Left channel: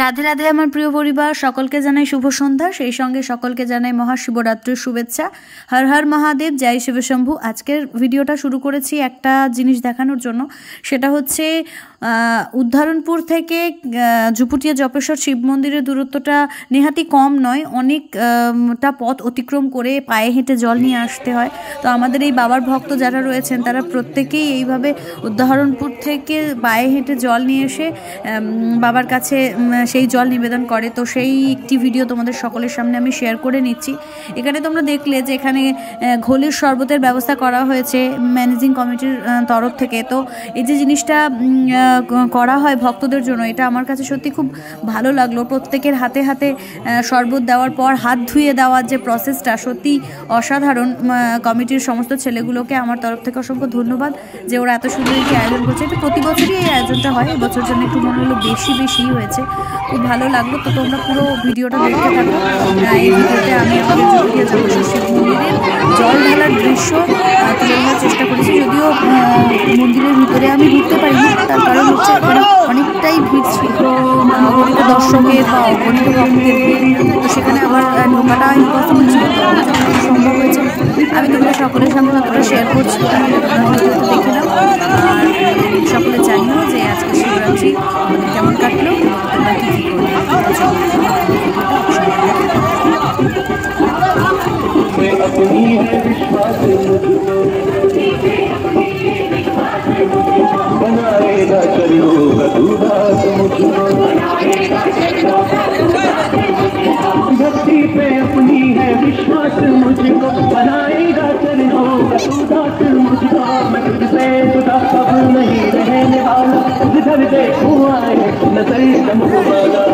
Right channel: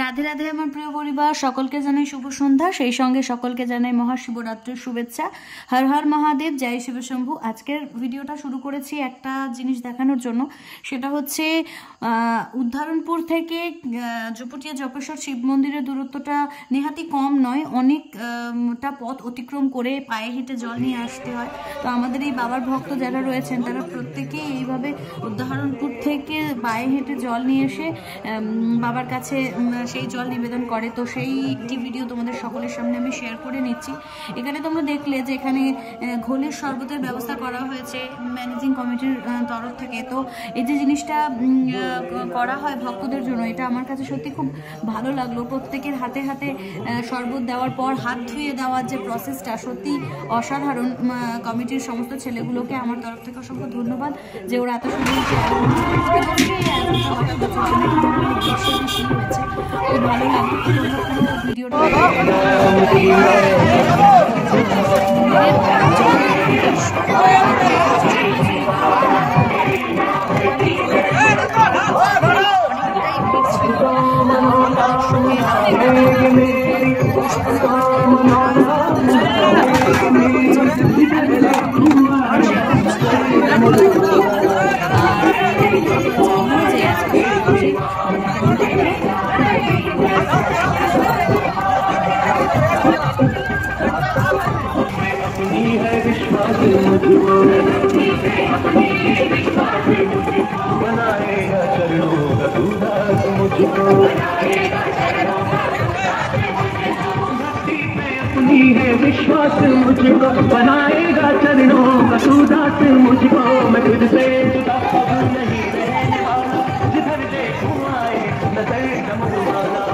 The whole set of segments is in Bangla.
রাধে রাধে আমার প্রিয় পরিবার, সকলকে জানাই শুভ সন্ধ্যা। সেই সঙ্গে সকলকে জানাই মহাশিবরাত্রির শুভেচ্ছা। হর হর মহাদেব, জয় শিবশম্ভু। আজকের ভিডিওটা শুরু করেছি একটা জিনিস দেখানোর জন্য, সেটা হচ্ছে উদ্ধারণপুর থেকে ঝুপুটিয়া জপেশ্বর শিব মন্দিরের দূরত্বটা নেহাতি কম নয়, অনেকটা পথ অতিক্রম করে পায়ে হেঁটে জল নিয়ে আসতে হয়। তো আমাদের এই বাবার ভক্ত যারা রয়েছেন তারা প্রত্যেকেই এইভাবে উদ্ধারণপুর থেকে পায়ে হেঁটে জল নিয়ে এসে বাবার কাছে সেই জল নিবেদন করে। তো সেই একটি ভিডিও তোমাদের সকলের সামনে আমি শেয়ার করে নিচ্ছি। এখানে তোমরা দেখলে যে এখানে ঘোলের শরবতের ব্যবস্থা করা হয়েছে ম্যানেজিং কমিটির তরফ থেকে। তো এই যে জিনিসটা করা হয় ভক্তদের জন্য, এটা আমার কাছে সত্যি খুব ভালো লাগলো। প্রত্যেকের হাতে হাতে শরবত দেওয়ার পর হাত ধুয়ে দেওয়ার যে প্রসেসটা সত্যি অসাধারণ। কমিটির সমস্ত ছেলেগুলোকে আমার তরফ থেকে অসংখ্য ধন্যবাদ যে ওরা এত সুন্দর একটি আয়োজন করছে। তো প্রতি বছরই এই আয়োজনটা হয়, এবছর জন্য একটু মনে হলো বেশি হয়েছে, খুব ভালো লাগলো। তো তোমরা পুরো ভিডিওটা দেখতে থাকো। এই ভিডিওতে আমি আমাদের ঝুপুটিয়া জপেশ্বর শিব মন্দিরের জল ঢালার দৃশ্য তুলে ধরার চেষ্টা করেছি। যদিও মন্দিরের ভিতরে আমি ঢুকতে পারিনি, তার কারণ হচ্ছে অনেকটাই ভিড় ছিল অগণিত দর্শকের বা অগণিত ভক্তের। তো সেখানে আমার ঢোকাটা ইম্পসিবল ছিল, সম্ভব হয়েছে। আমি তোমরা সকলের সাথে তোমাদের শেয়ার করছি, আর সকলে জানিও যে আজকে শিবরাত্রি আমাদের কেমন কাটলো এবং তোমরা কি विश्वास मुझको बनाएगा चरणों का तू दास मुझको, मैं तुझसे जुदा अब नहीं रहने वाला, जिधर देखूं आए नजर चमकवाला।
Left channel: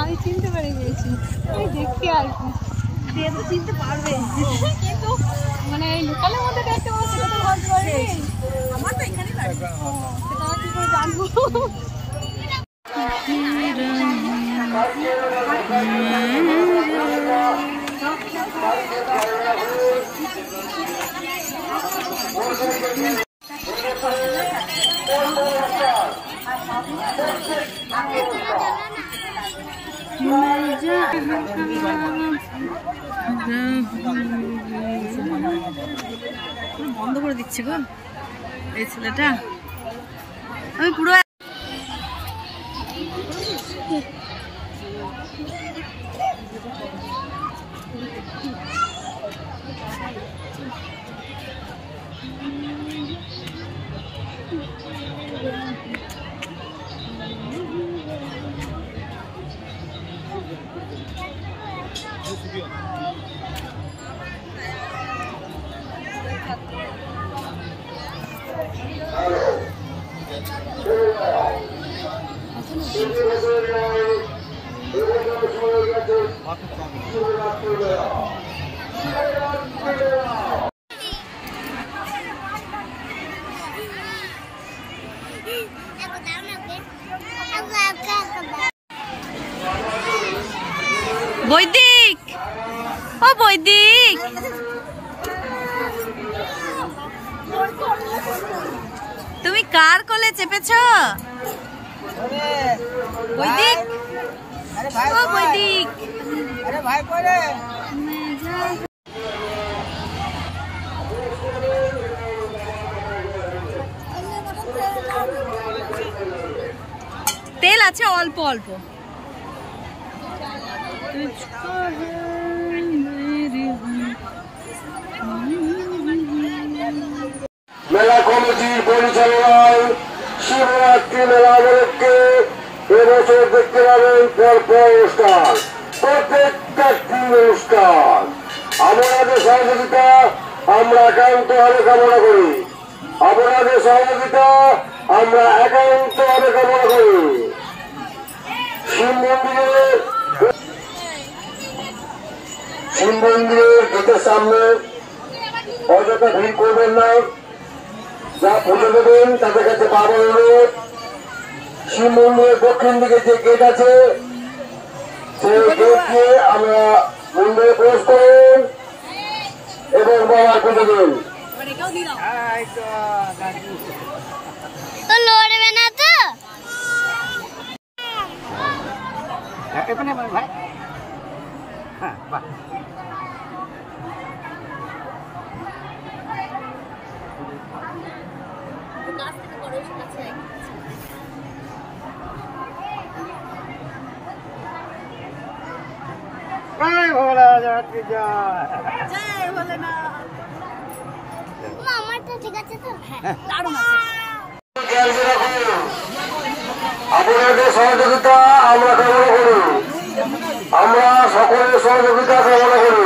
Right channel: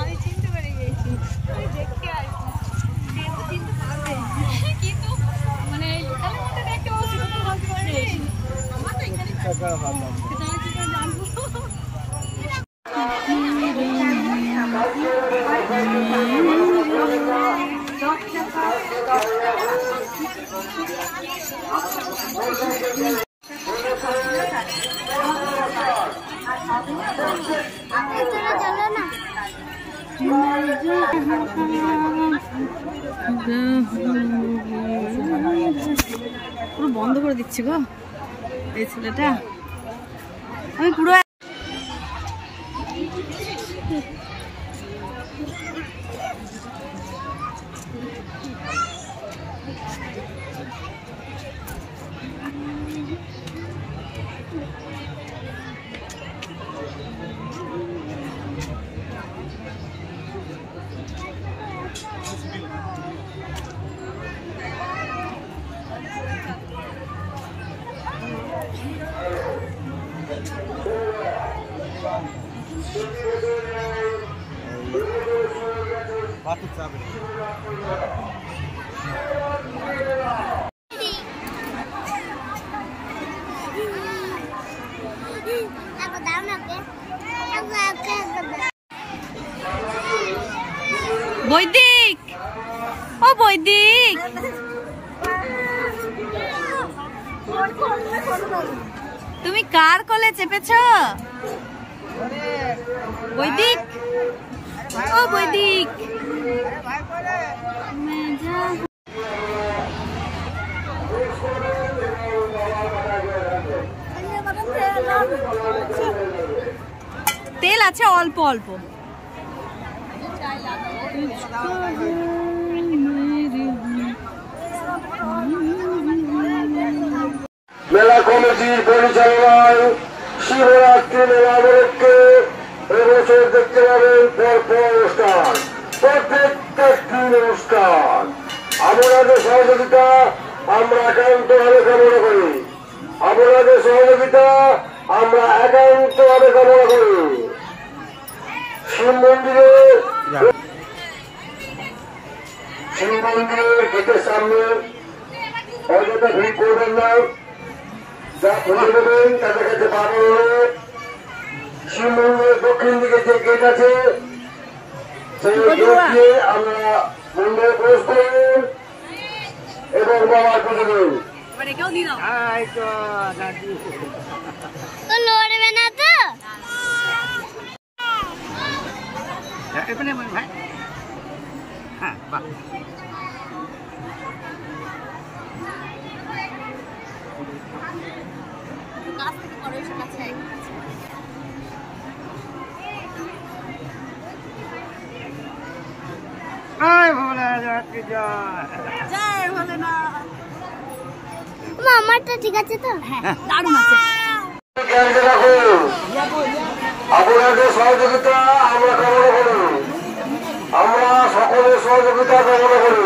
আমি চিনতে পেরে গেছি, দেখতে আর কি চিনতে পারবে, কিন্তু মানে এই লোকালের মধ্যে দেখতে ভাবতে পারবে আমার তো এখানে জানবো। পুরো বন্ধ করে দিচ্ছি গো এই ছেলেটা। আমি পুরো বৈদিক, ও বৈদিক, তুমি কার কোলে চেপেছ? বৈদিক, ও বৈদিক, তেল আছে অল্প অল্প। মেলা কমিটির পরিচালনায় শিবরাত্রি মেলা উপলক্ষে এবছর দেখতে পাবেন পরপর অনুষ্ঠান, প্রত্যেকটা অনুষ্ঠান। আপনাদের সহযোগিতা আমরা একান্তভাবে কামনা করি, আপনাদের সহযোগিতা আমরা একান্তভাবে কামনা করি। শিব মন্দিরের গেটের সামনে অযথা ভিড় করবেন না, যা পুজো দেবেন তাদের কাছে পাবেন অনুরোধ। শিব মন্দিরের দক্ষিণ দিকে যে গেট আছে সেই গেট দিয়ে আমরা মন্দিরে প্রবেশ করুন এবং বাবার পুজো দেন। লড়বে না তো ভাই? হ্যাঁ, বাহ। আমারটা ঠিক আছে তো? হ্যাঁ, দারুণ আছে। আপনাদের সহযোগিতা আমরা কামনা করি, আমরা সকলের সহযোগিতা কামনা করি।